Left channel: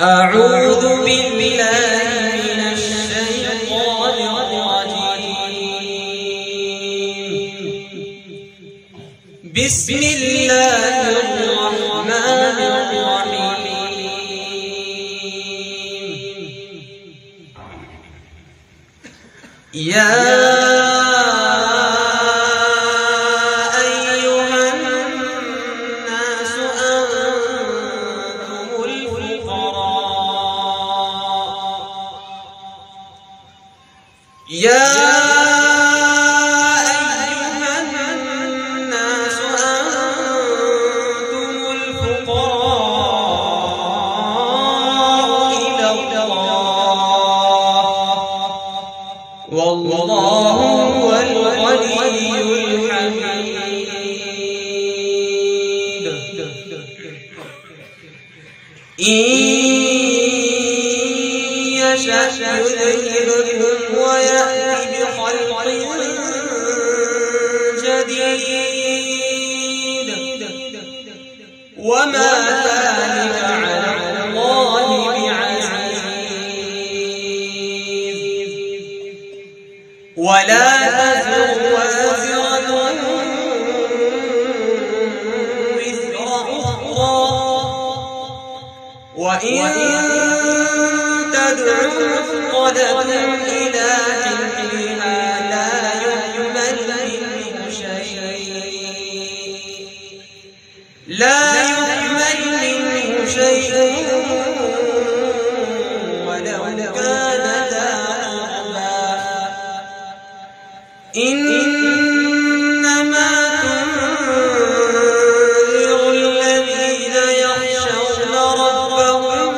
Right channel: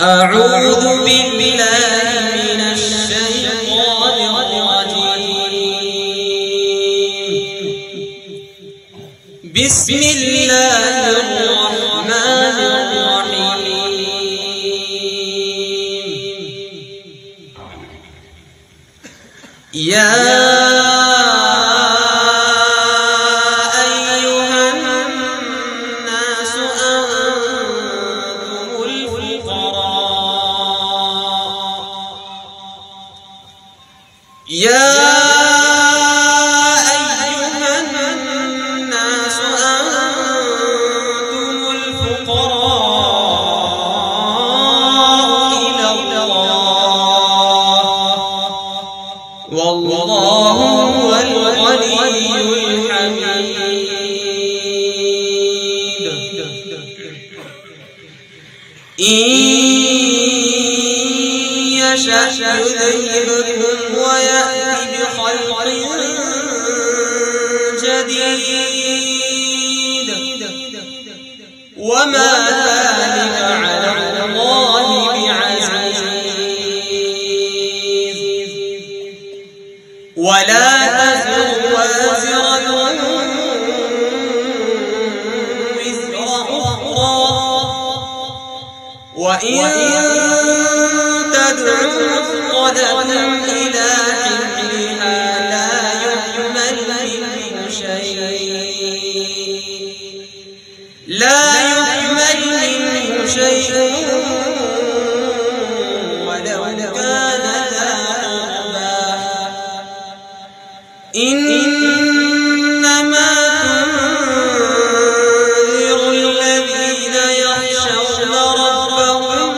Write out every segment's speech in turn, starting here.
أعوذ بالله من الشيطان الرجيم. بسم الله الرحمن الرحيم. يا يا أيها الناس أنتم الفقراء إلى الله والله هو الغني الحميد. إن يشأ يذهبكم ويأتي بخلق جديد وما ذلك على الله بعزيز. ولا تزر وازرة وزر أخرى وإن تدع مثقلة إلى حملها لا يحمل منه شيء ولو كان ذا قربى. إنما تنذر الذين يخشون ربهم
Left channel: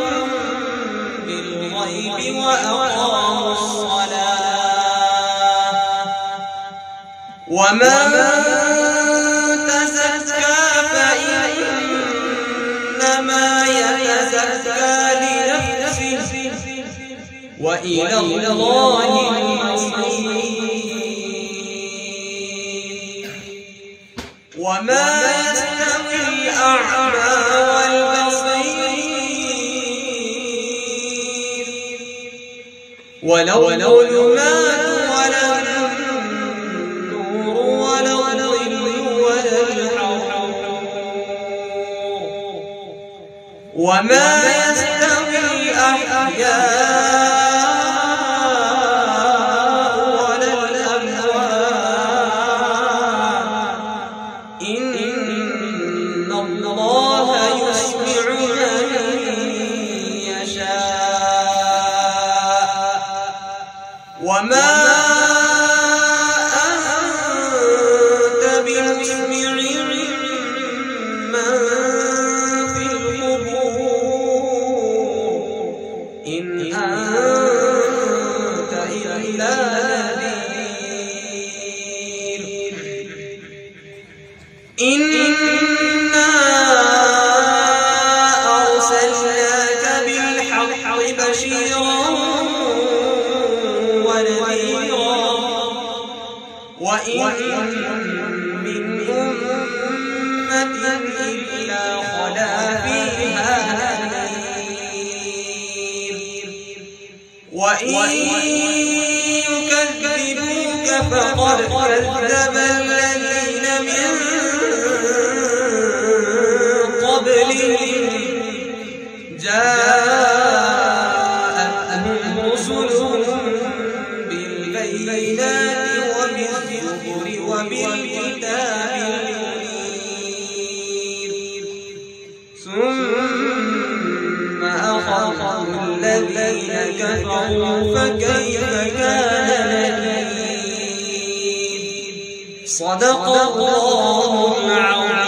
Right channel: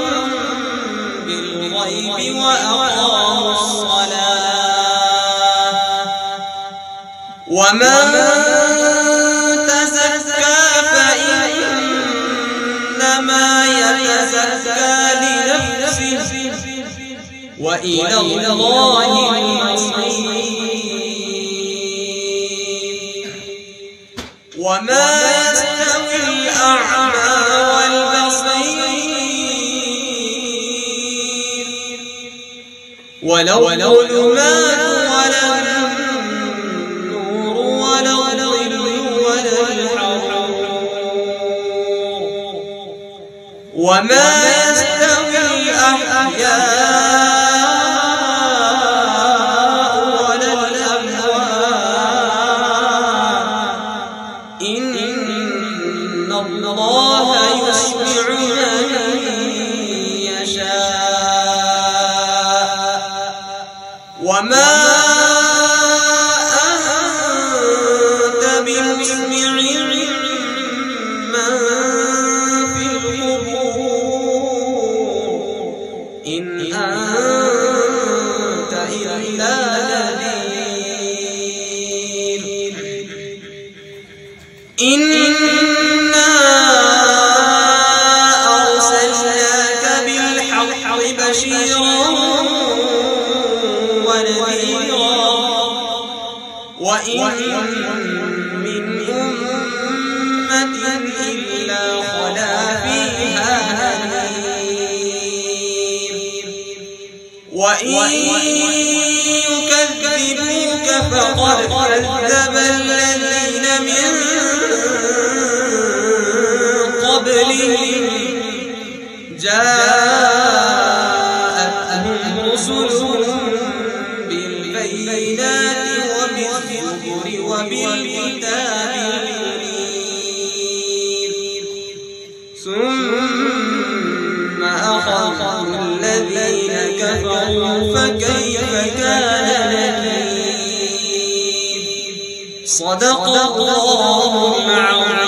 بالغيب وأقاموا الصلاة ومن تزكى فإنما يتزكى لنفسه وإلى الله المصير. وما يستوي الأعمى والبصير ولا الظلمات ولا النور ولا الظل ولا الحرور. وما يستوي الأحياء ولا الأموات. إن الله يسمع من يشاء وما أنت بمسمع من في القبور إن أنت إلا نذير. إنا أرسلناك بالحق بشيرا ونذيرا وإن من أمة إلا خلا فيها نذير. وإن يكذبوك فقد كذب الذين من قبلهم جاءتهم رسلهم بالبينات وبالزبر وبالكتاب المنير ثم أخذهم الذين كفروا فكيف كان نكير. صدق الله العظيم.